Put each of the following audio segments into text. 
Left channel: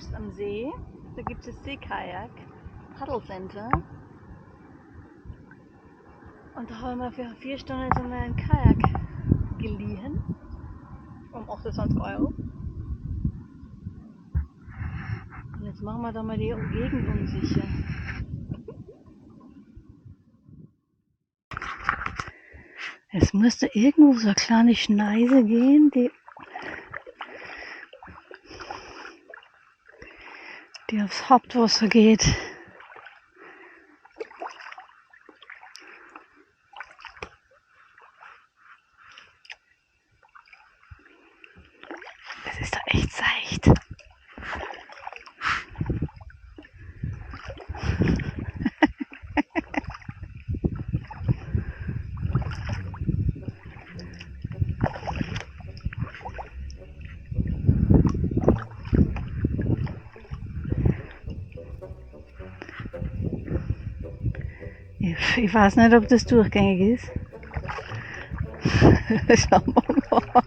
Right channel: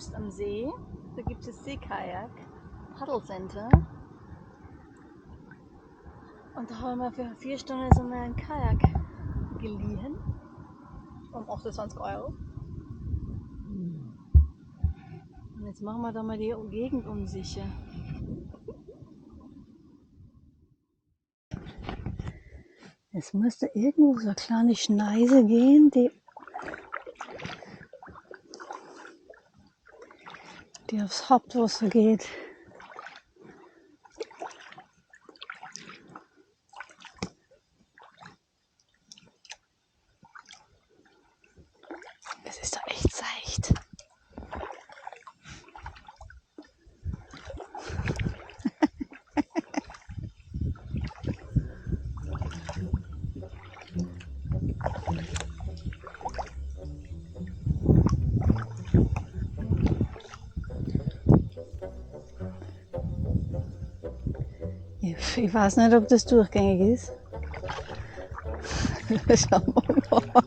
Soest am See. Da gibt es Seekajak, Paddelcenter. Und da haben wir für 4 Stunden jetzt einmal einen Kajak geliehen. Um 28 €. Und jetzt machen wir da mal die Gegend unsicher. Es müsste irgendwo so eine kleine Schneise gehen, die aufs Hauptwasser geht. Es ist da echt seicht. Ich weiß nicht, ob das durchgängig ist. Schauen wir mal.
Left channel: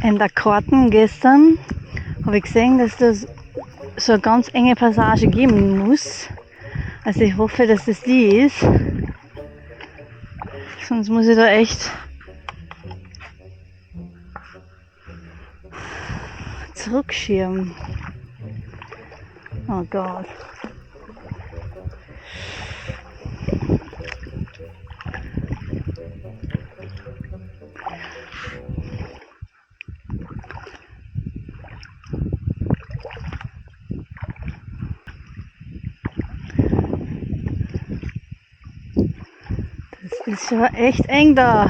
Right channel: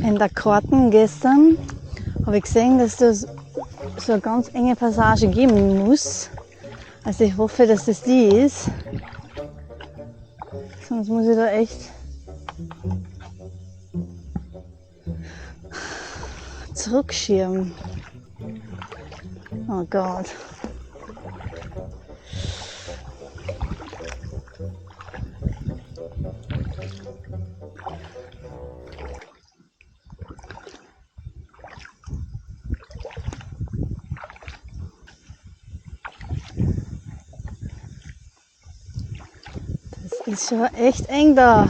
In der Karten gestern habe ich gesehen, dass das so eine ganz enge Passage geben muss. Also ich hoffe, dass das die ist. Sonst muss ich da echt zurückschirmen. Oh Gott. Das ist schon echt eng da.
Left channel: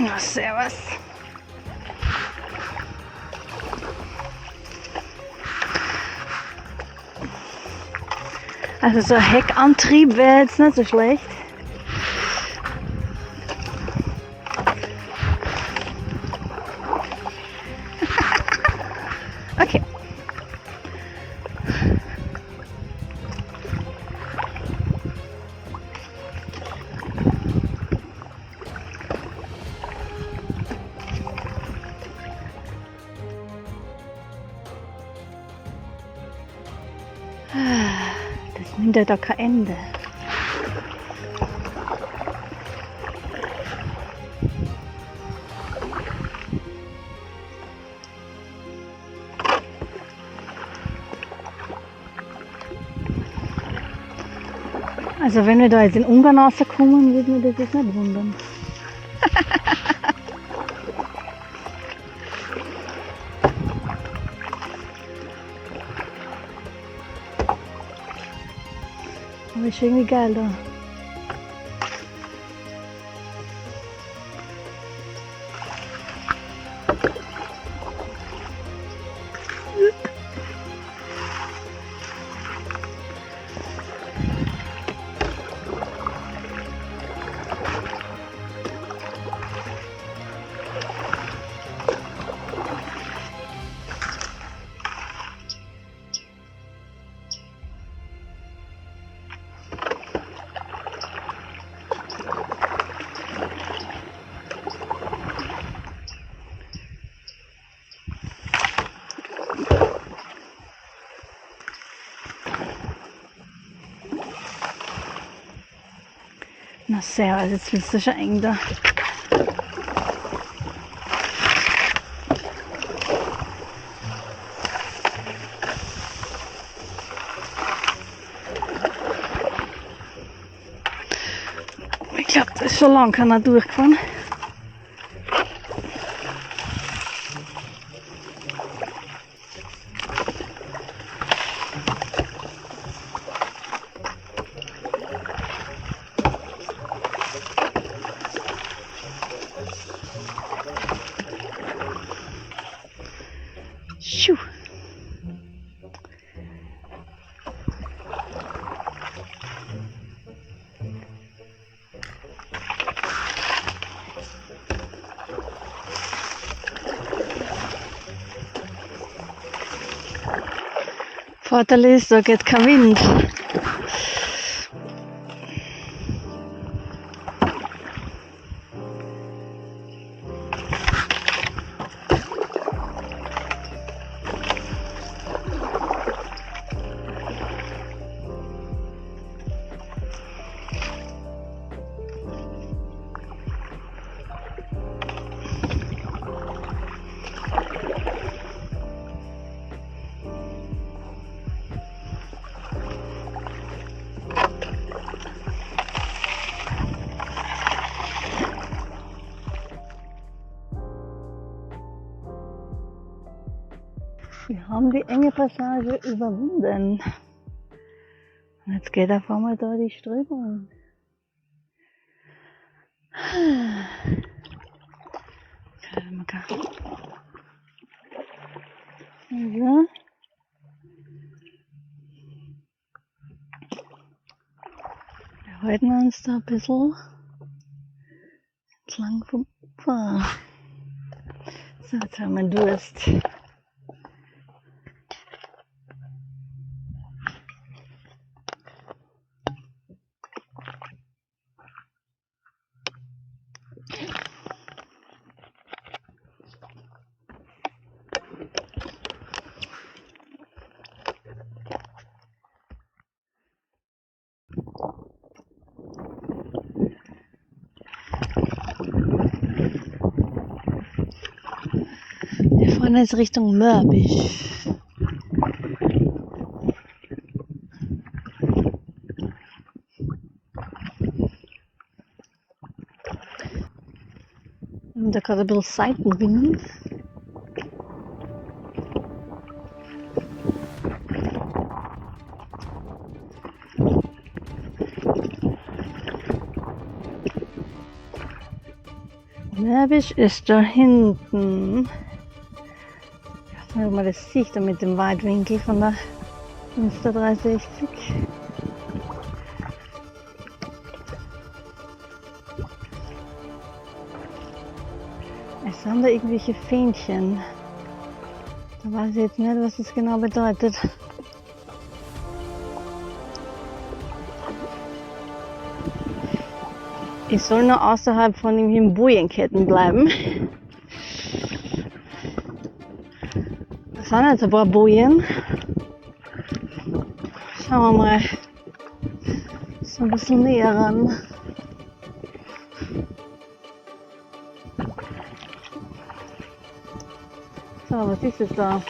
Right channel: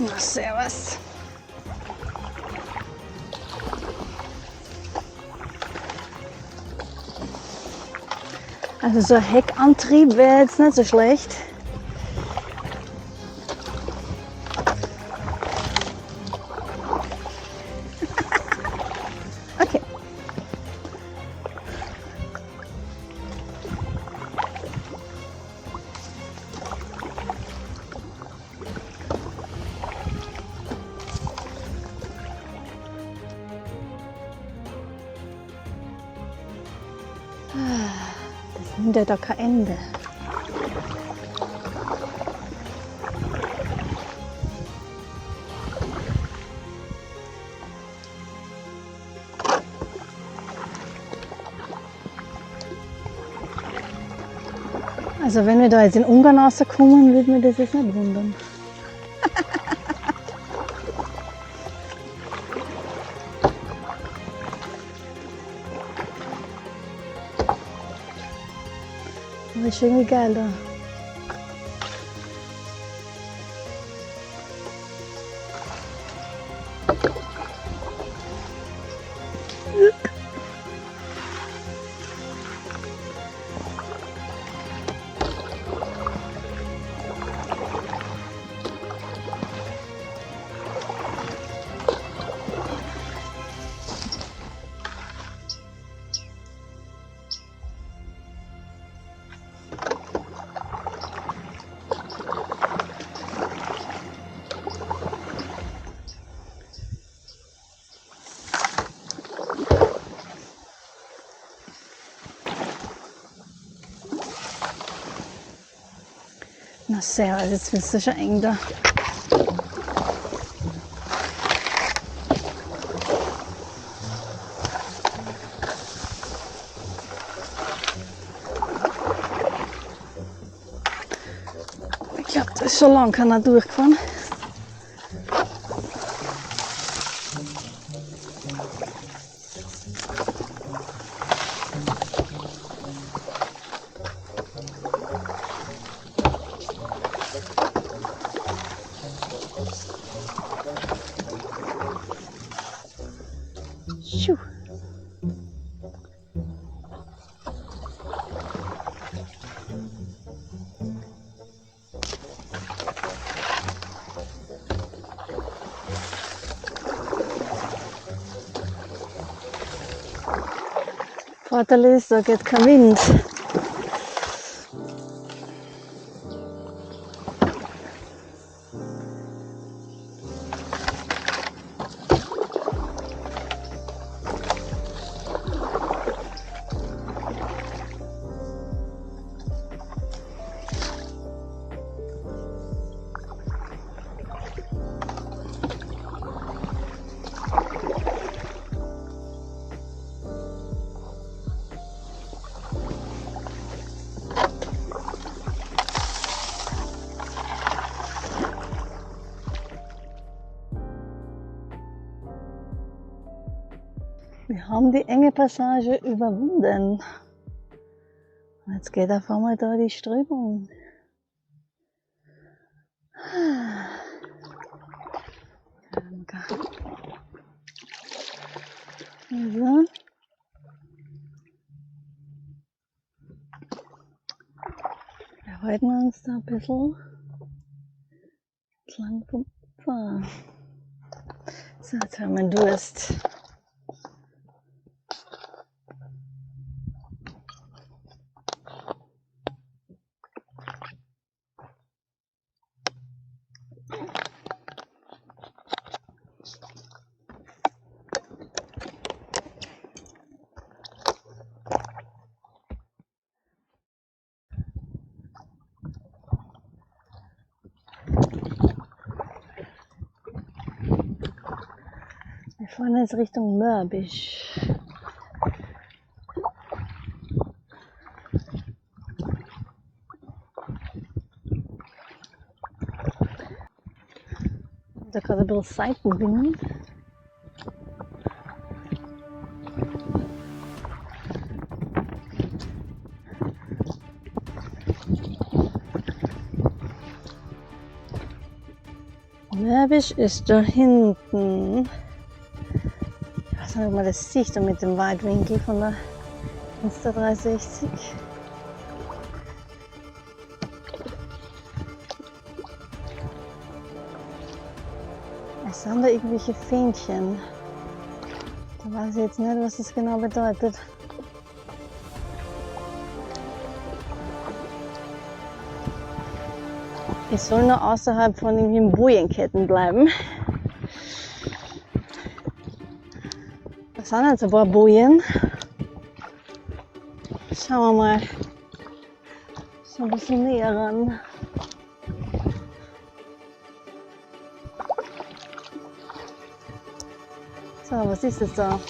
Na, servus. Also so ein Heckantrieb wäre jetzt nicht so schlecht. Okay. Das nimmt ja da kein Ende. Also wenn wir da jetzt in Ungarn rauskommen, würde mir das jetzt nicht wundern. Aber ist irgendwie geil da. Na servus, jetzt wird es schon eng da. Ich glaube, das ist schon lange keiner durchgefahren. Schuh. Vorteil ist, da geht kein Wind. Wir haben die enge Passage überwunden. Und jetzt geht auf einmal da die Strömung. Also. Wir halten uns da ein bisschen entlang vom Ufer. So, jetzt haben wir Durst. Wir fahren jetzt Richtung Mörbisch. Und da gerade ein bisschen Seitenwind. Mörbisch ist da hinten. Ich weiß nicht, ob man das sieht, da mit dem Weitwinkel von der Insta 360. Es sind da irgendwelche Fähnchen. Da weiß ich jetzt nicht, was das genau bedeutet. Ich soll nur außerhalb von den Bojenketten bleiben. Da sind jetzt ein paar Bojen. Schauen wir mal so ein bisschen näher ran. So, was ist das da?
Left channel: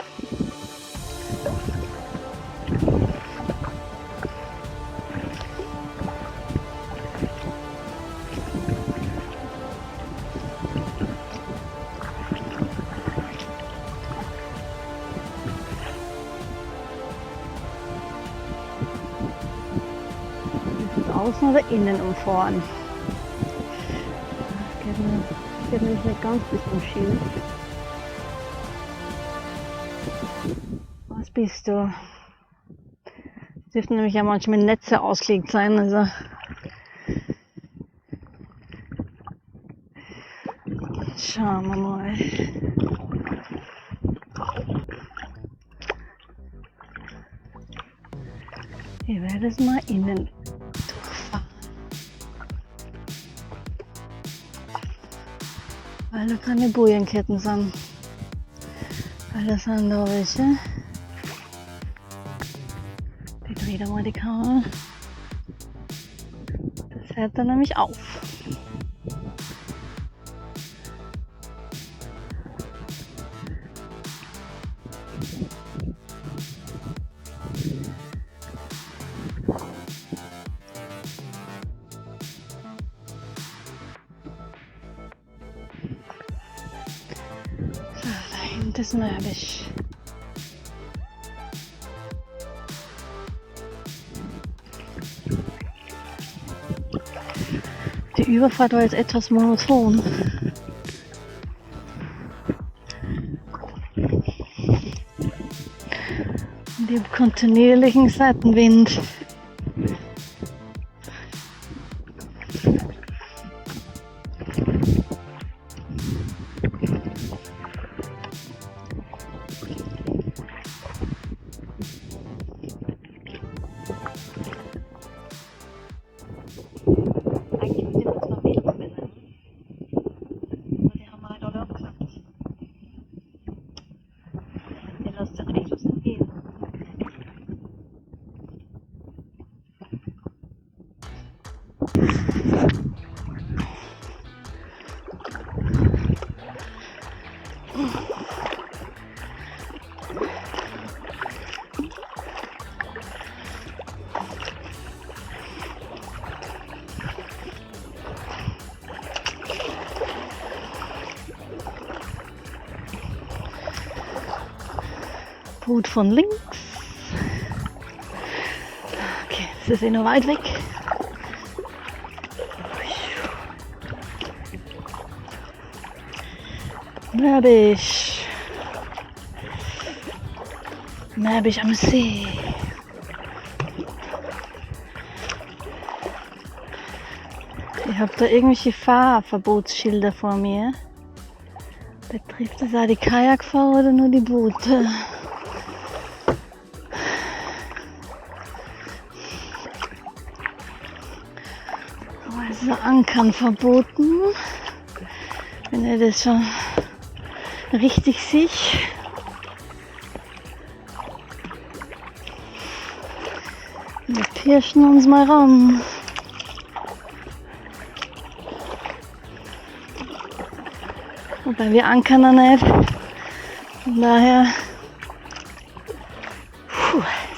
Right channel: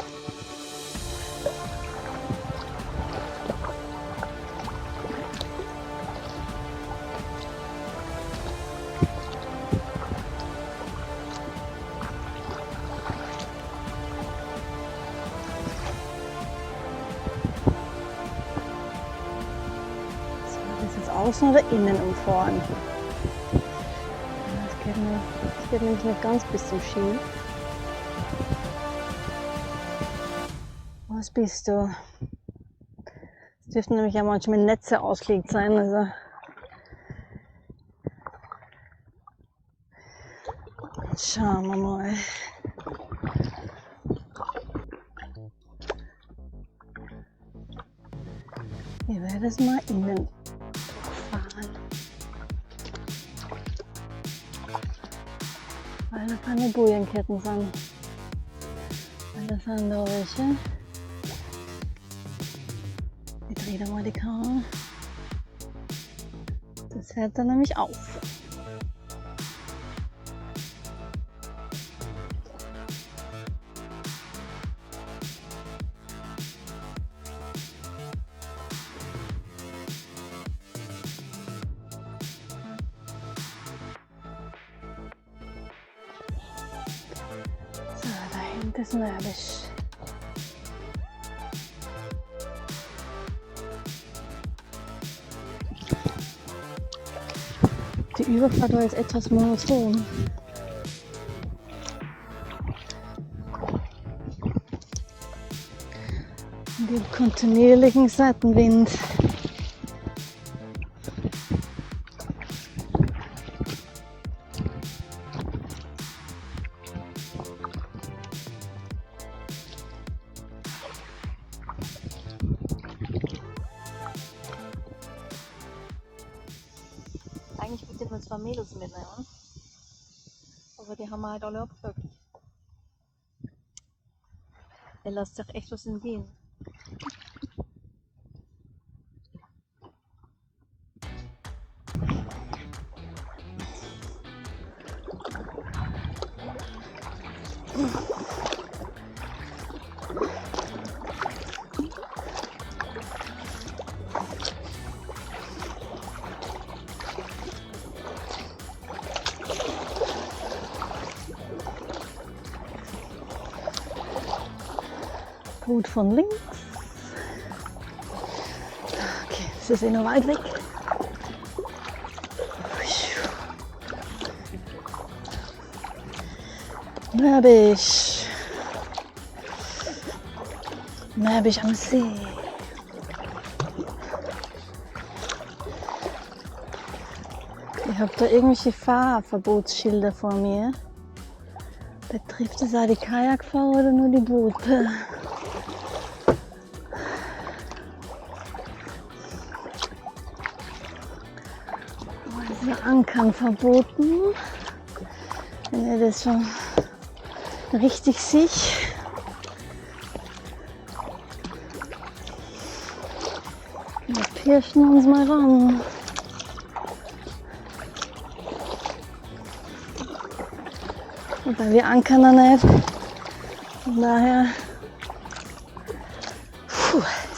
Außen oder innen umfahren. Das geht nämlich nicht ganz bis zum Schild. Was bist du? Es dürften nämlich ja manchmal Netze ausgelegt sein. Also schauen wir mal. Ich werde es mal innen durchfahren. Weil da keine Bojenketten sind. Weil das sind da welche. Die dreht einmal die Kamera. Das hört dann nämlich auf. So, da hinten ist Mörbisch. Die Überfahrt war jetzt etwas monoton. Und ich habe kontinuierlichen Seitenwind. Eigentlich wollte ich nur 2 Mädels mitnehmen, aber die haben wir halt alle abgesagt. Ihr lasst sich echt was entgehen. Boot von links. Okay, das ist eh noch weit weg. Mörbisch. Mörbisch am See. Ich habe da irgendwelche Fahrverbotsschilder vor mir. Betrifft es auch die Kajakfahrer oder nur die Boote? Also Ankern verboten. Wenn ihr das schon richtig sich. Wir pirschen uns mal ran. Wobei wir ankern noch nicht. Von daher.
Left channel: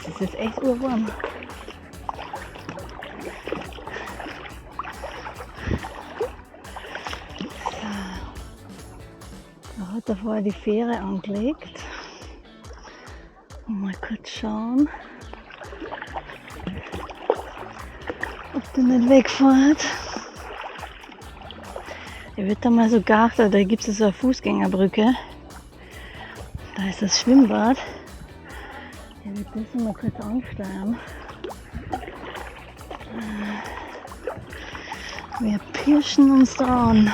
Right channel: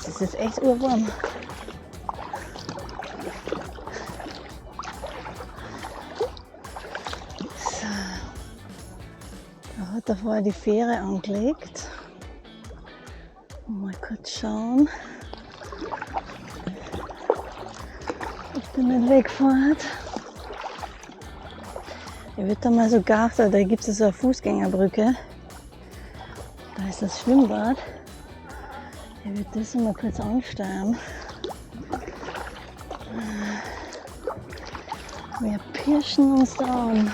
Es ist jetzt echt urwarm. So. Da hat er vorher die Fähre angelegt. Mal kurz schauen, ob der nicht wegfährt. Ich würde da mal so geachtet, da gibt es so eine Fußgängerbrücke. Da ist das Schwimmbad. Ich würde das mal kurz ansteuern. Wir pirschen uns da an.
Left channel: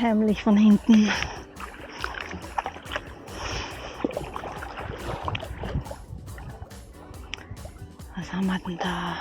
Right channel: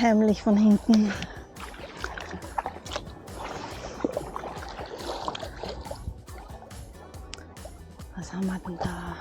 Heimlich von hinten. Was haben wir denn da?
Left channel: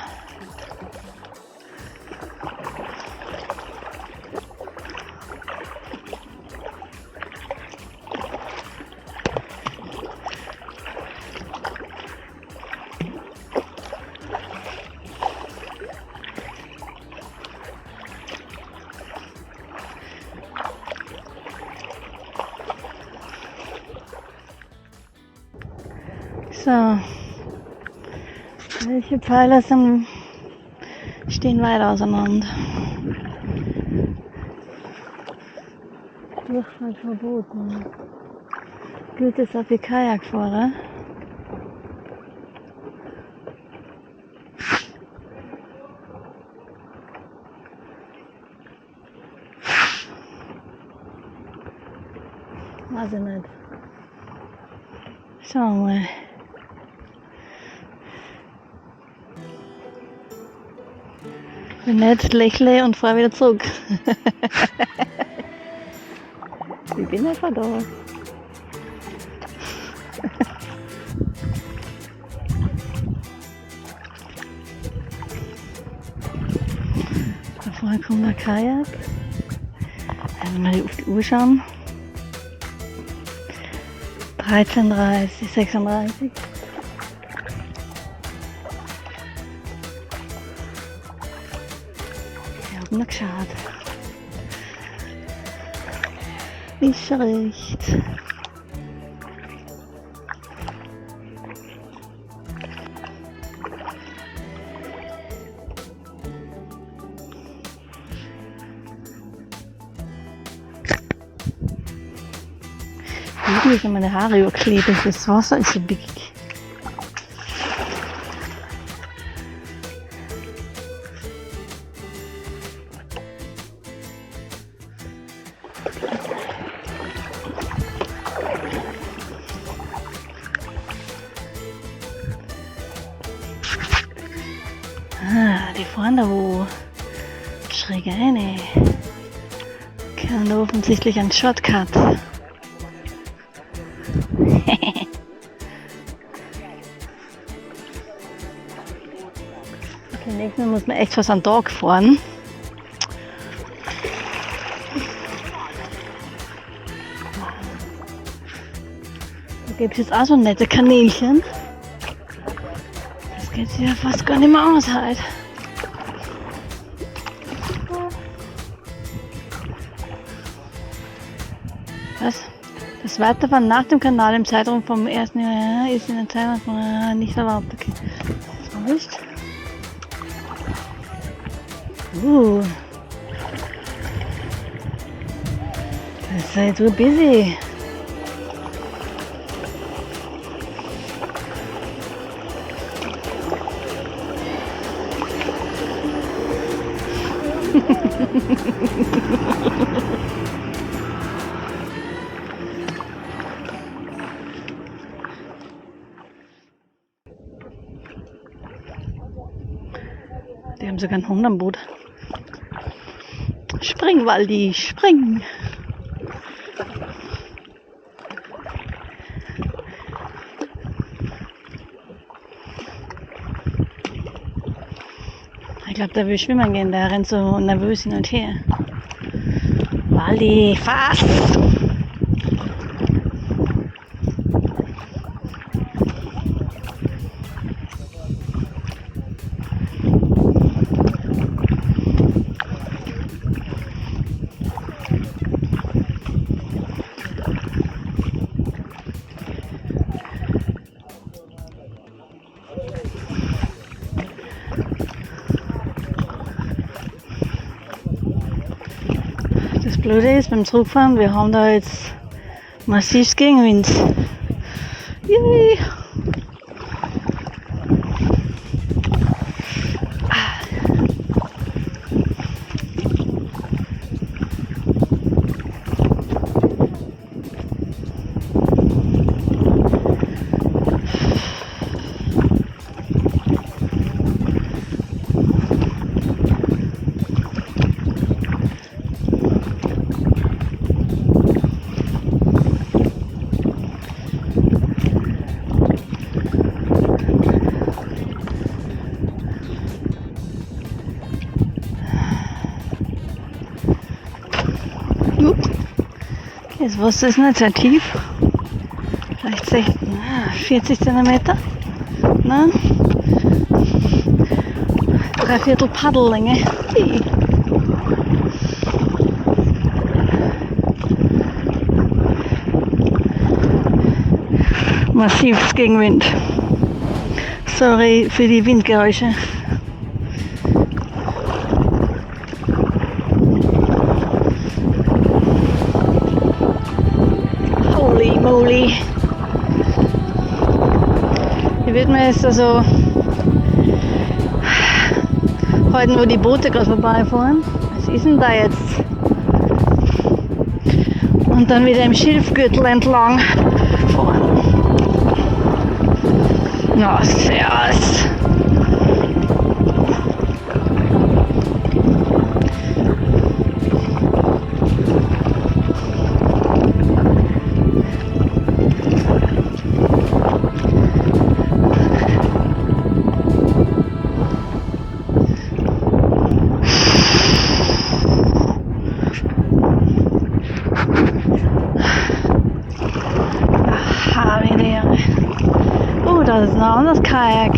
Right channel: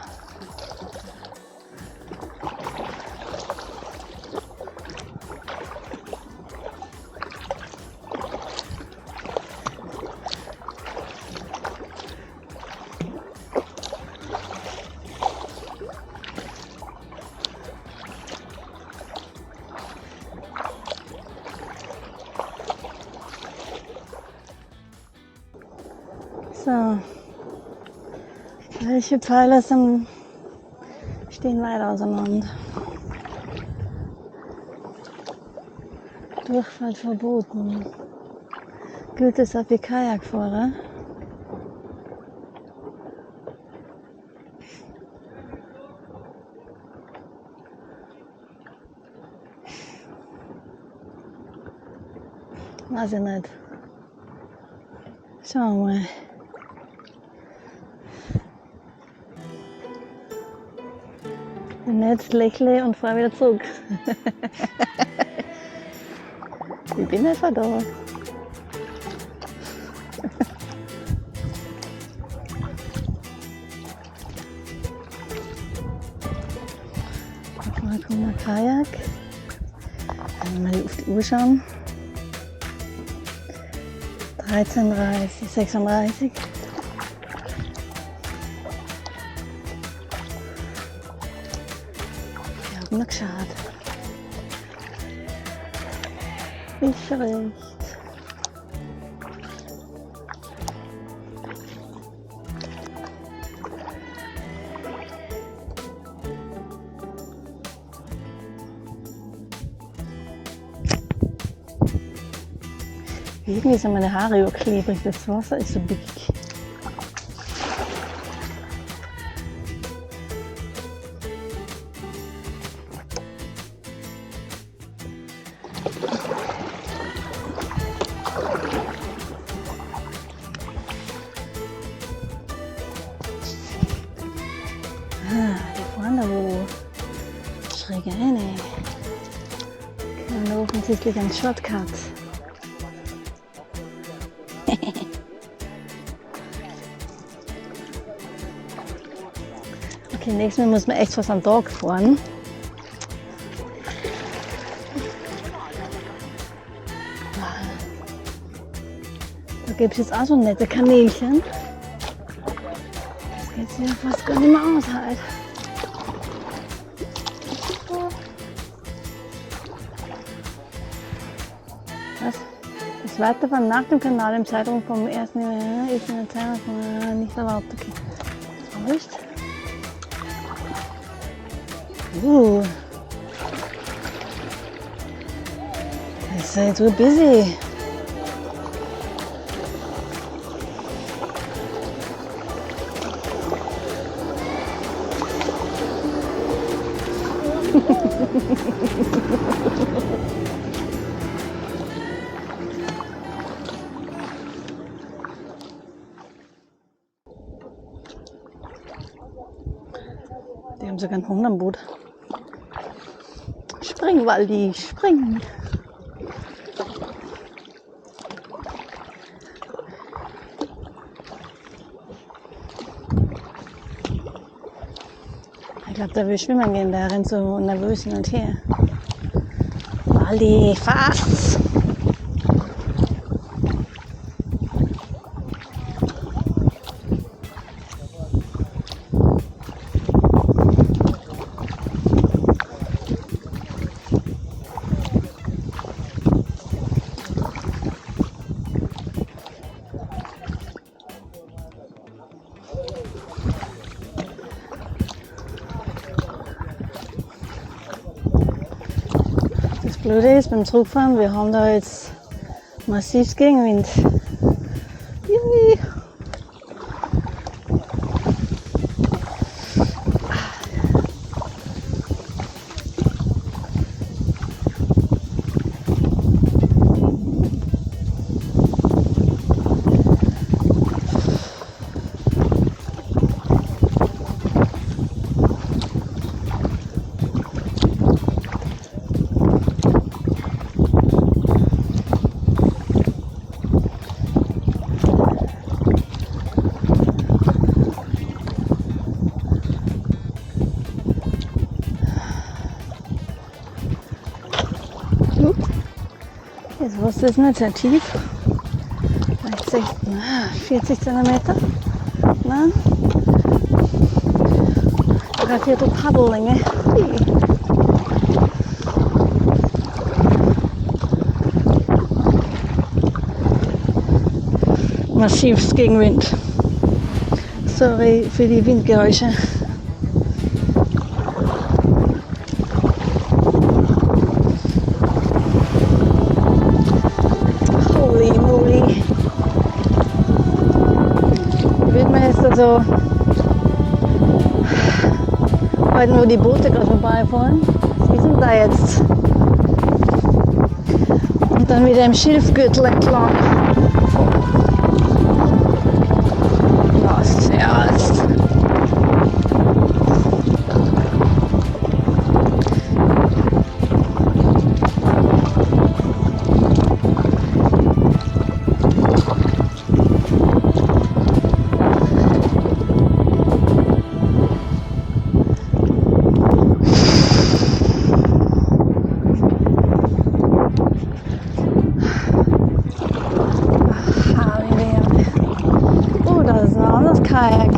So, welche Pfeiler stehen weit auseinander? Durchfahrt verboten. Gilt es auch für Kajakfahrer? Weiß ich nicht. Schauen wir mal. Wenn nicht, lächle und fahre wieder zurück. Ich bin einfach da. Da vorne kommt der Kajak. Wenn wir mal auf die Uhr schauen. 13:30, 36. Ich habe noch geschaut. Ist schon recht. Irgendwie sind meine Haare überklebt, das Wasser ist so dick. fahren da wo schräg rein. Kennen da offensichtlich einen Shortcut. Okay, nächstes Mal muss man echt fast am Tag fahren. Da gibt es jetzt auch so nette Kanälchen. Das geht sich ja fast gar nicht mehr aus halt. Was? Das Weiterfahren nach dem Kanal im Zeitraum vom 1. Jahr ist in der Zeit nicht erlaubt. Okay. Nicht? Das ist jetzt so busy. Die haben sogar einen Hund am Boot. Spring, Waldi, spring! Ich glaube, der will schwimmen gehen, der rennt so nervös hin und her. Waldi, fast! Das Blöde ist beim Zurückfahren, wir haben da jetzt massiv Gegenwind. Yay. Das Wasser ist nicht sehr tief, vielleicht 40 cm, nein, 3/4 Paddellänge. Massives Gegenwind. Sorry für die Windgeräusche. Holy moly. Hier wird man jetzt also heute, wo die Boote gerade vorbeifahren. Was ist denn da jetzt? Und dann wieder im Schilfgürtel entlang fahren. Na, servus. Oh, das ist ein anderes Kajak.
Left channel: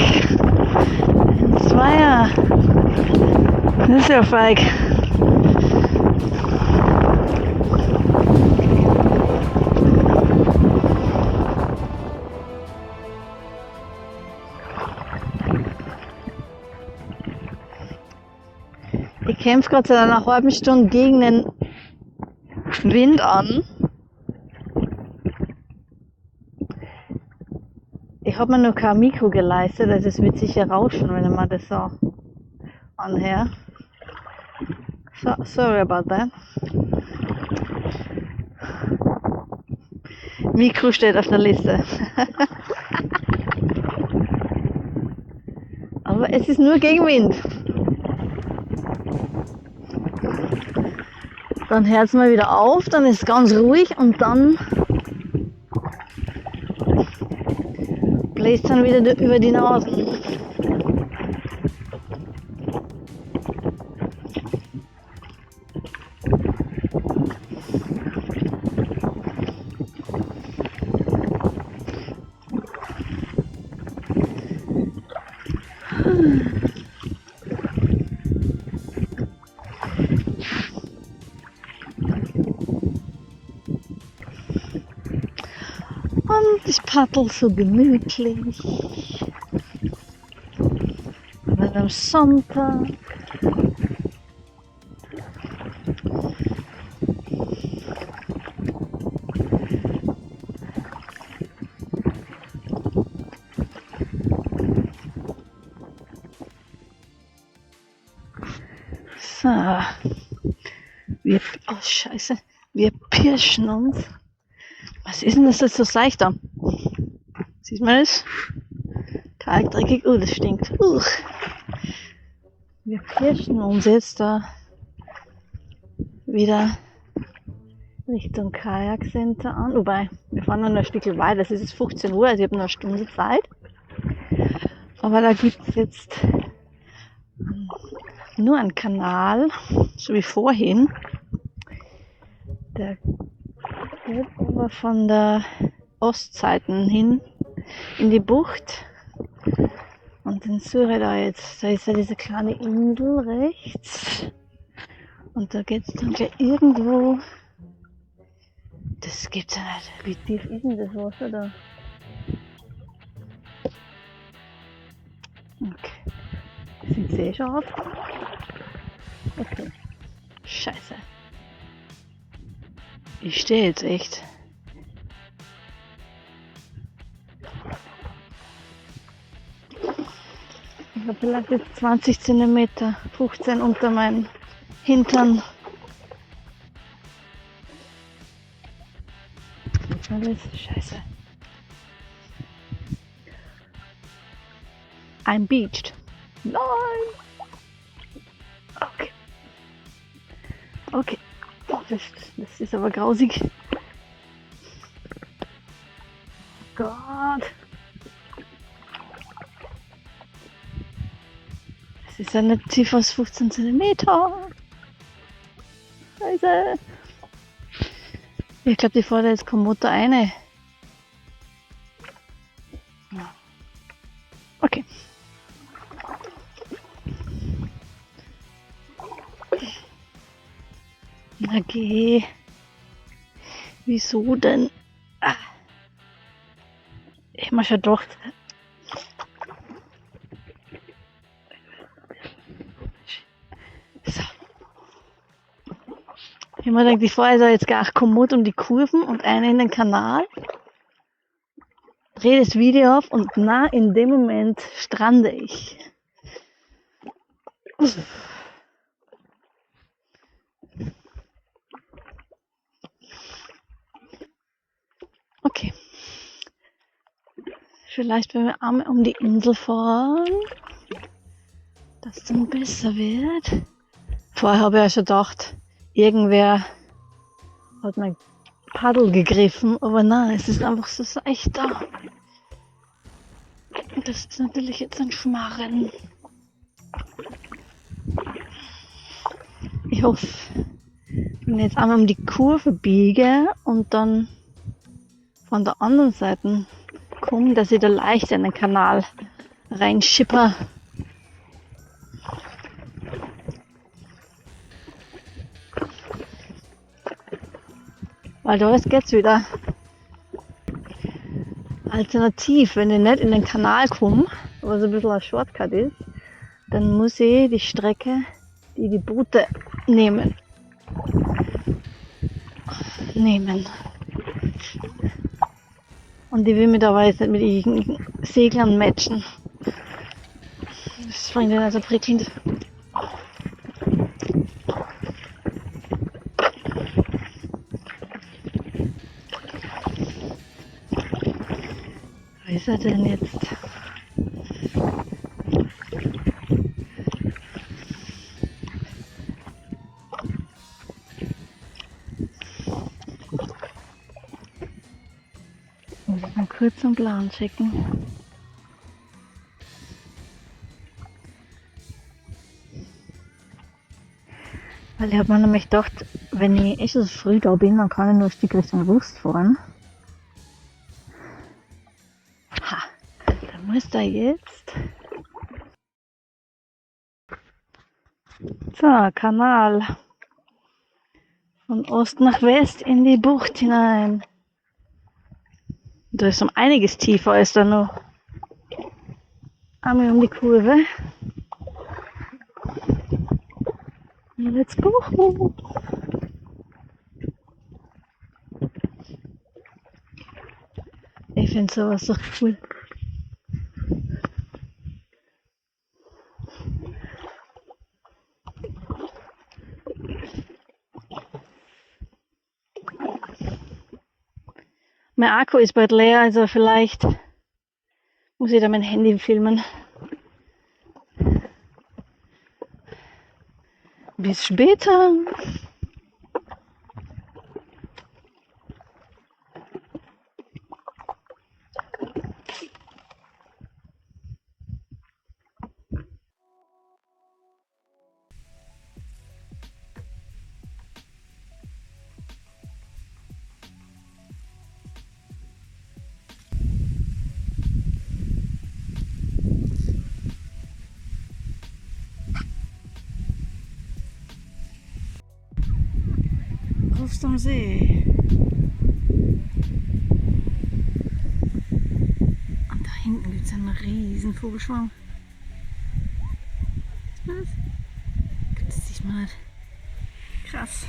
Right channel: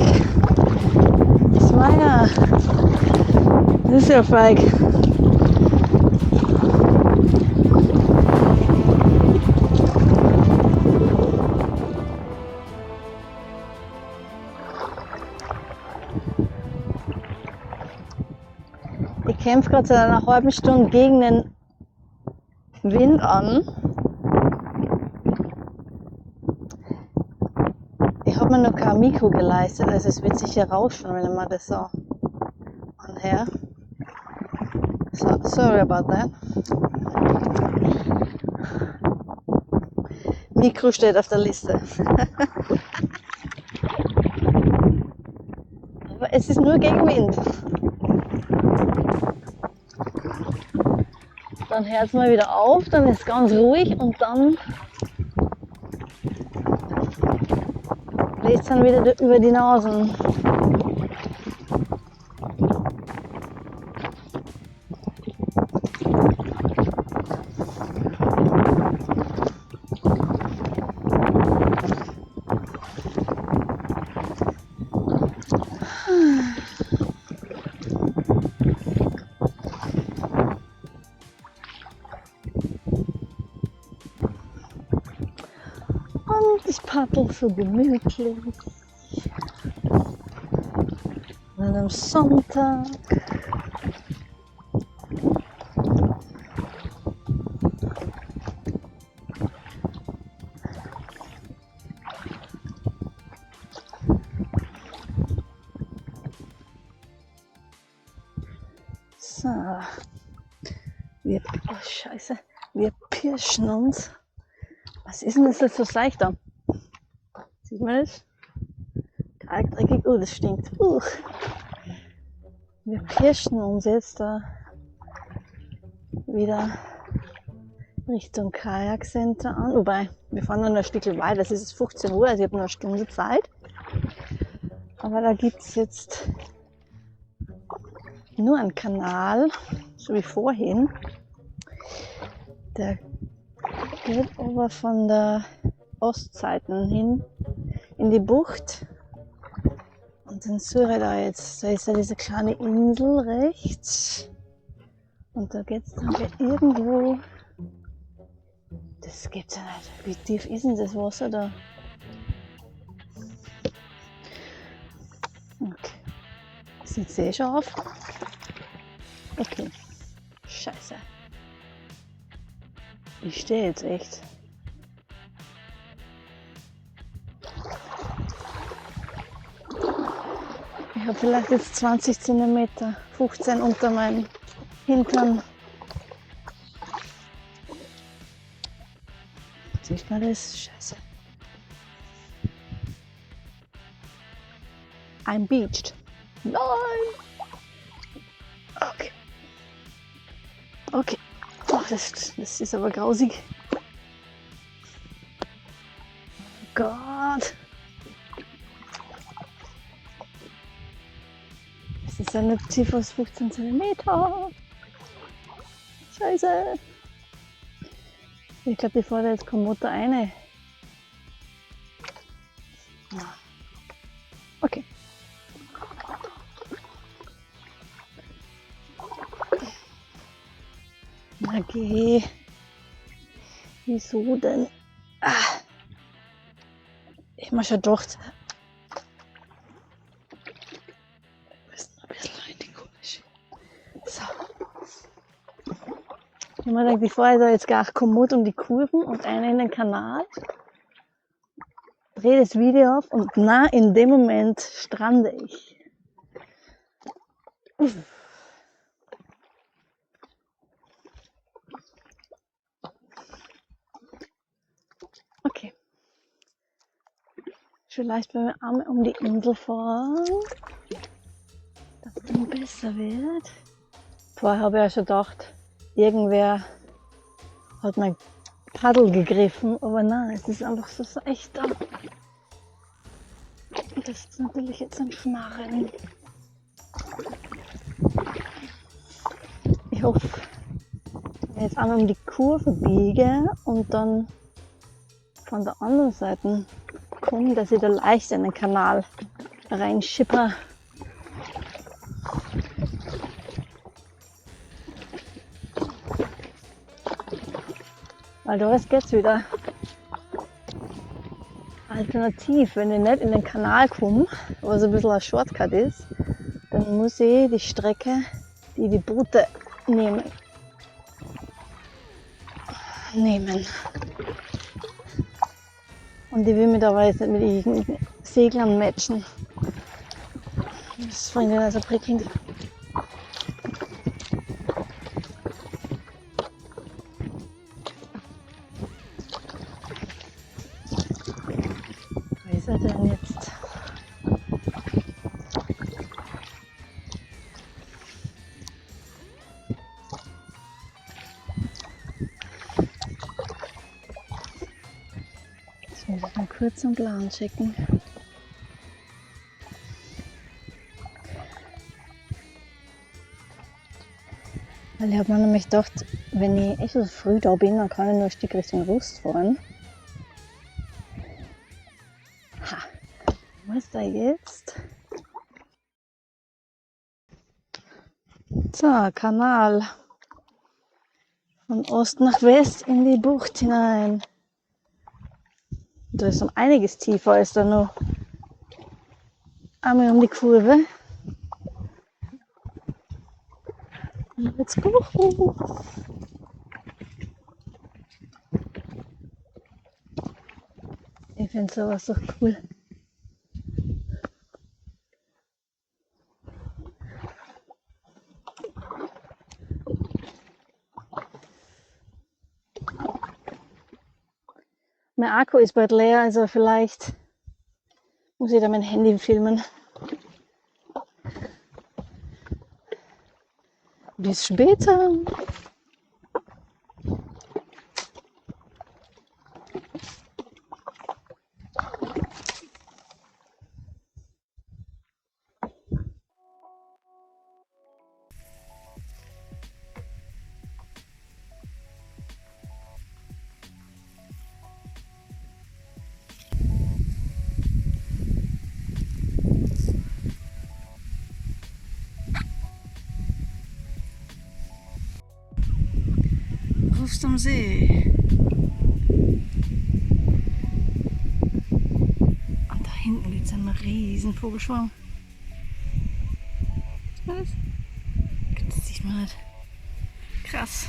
Ein Zweier. Das ist ja feig. Ich kämpfe gerade seit einer halben Stunde gegen den Wind an. Ich habe mir noch kein Mikro geleistet, also es wird sicher rauschen, wenn ich mir das so anhöre. So, sorry about that. Mikro steht auf der Liste. Aber es ist nur Gegenwind. Dann hört es mal wieder auf, dann ist es ganz ruhig und dann bläst es dann wieder über die Nasen. Und ich paddel so gemütlich. An einem Sonntag. So. Oh Scheiße. Wir pirschen uns. Was ist denn das jetzt so seicht da? Sieht man das? Kalkdreckig. Oh, das stinkt. Wir pirschen uns jetzt da wieder Richtung Kajakcenter an. Wobei, wir fahren noch ein Stückchen weiter. Es ist jetzt 15 Uhr, also ich habe noch eine Stunde Zeit. Aber da gibt es jetzt nur einen Kanal, so wie vorhin. Der geht aber von der Ostseite hin in die Bucht. Und den suche ich da jetzt. Da ist ja diese kleine Insel rechts. Und da geht es dann gleich irgendwo. Das gibt's ja nicht. Wie tief ist denn das Wasser da? Okay. Sieht eh schon auf. Okay. Scheiße. Ich stehe jetzt echt. Ich habe vielleicht jetzt 20 cm, 15 unter meinen Hintern. Sieht man das? Scheiße. I'm beached. Nein! Okay. Okay. Oh, das ist aber grausig. Oh Gott. Es ist ja nicht tiefer als 15 cm. Scheiße. Ich glaube, die fährt jetzt kein Motor rein. Okay. Okay. Wieso denn? Ich habe mir schon gedacht. Wir müssen ein bisschen in die komische. So. Ich habe mir gedacht, ich fahre da jetzt gar kommod um die Kurven und eine in den Kanal. Drehe das Video auf und in dem Moment strande ich. Okay. Vielleicht, wenn wir einmal um die Insel fahren, dass es dann besser wird. Vorher habe ich ja schon gedacht, irgendwer hat mein Paddel gegriffen, aber nein, es ist einfach so seicht da. Und das ist natürlich jetzt ein Schmarren. Ich hoffe, wenn ich jetzt einmal um die Kurve biege und dann von der anderen Seite komme, dass ich da leicht in den Kanal reinschipper. Weil da geht's wieder. Alternativ, wenn ich nicht in den Kanal komme, was ein bisschen ein Shortcut ist, dann muss ich die Strecke, die Boote nehmen. Und ich will mich aber jetzt nicht mit irgendwelchen Seglern matchen. Das finde ich nicht so prickelnd. Wo ist er denn jetzt? Muss ich mal kurz einen Plan checken. Weil ich habe mir nämlich gedacht, wenn ich echt so früh da bin, dann kann ich nur ein Stück Richtung Rust fahren. Ha, dann muss da jetzt. So, Kanal. Von Ost nach West in die Bucht hinein. Da ist um einiges tiefer als da noch. Einmal um die Kurve. Let's go! Ich finde sowas doch cool. Mein Akku ist bald leer, also vielleicht muss ich da mein Handy filmen. Bis später! Rust am See. Und da hinten gibt es einen riesen Vogelschwarm. Was? Das sieht man nicht. Krass.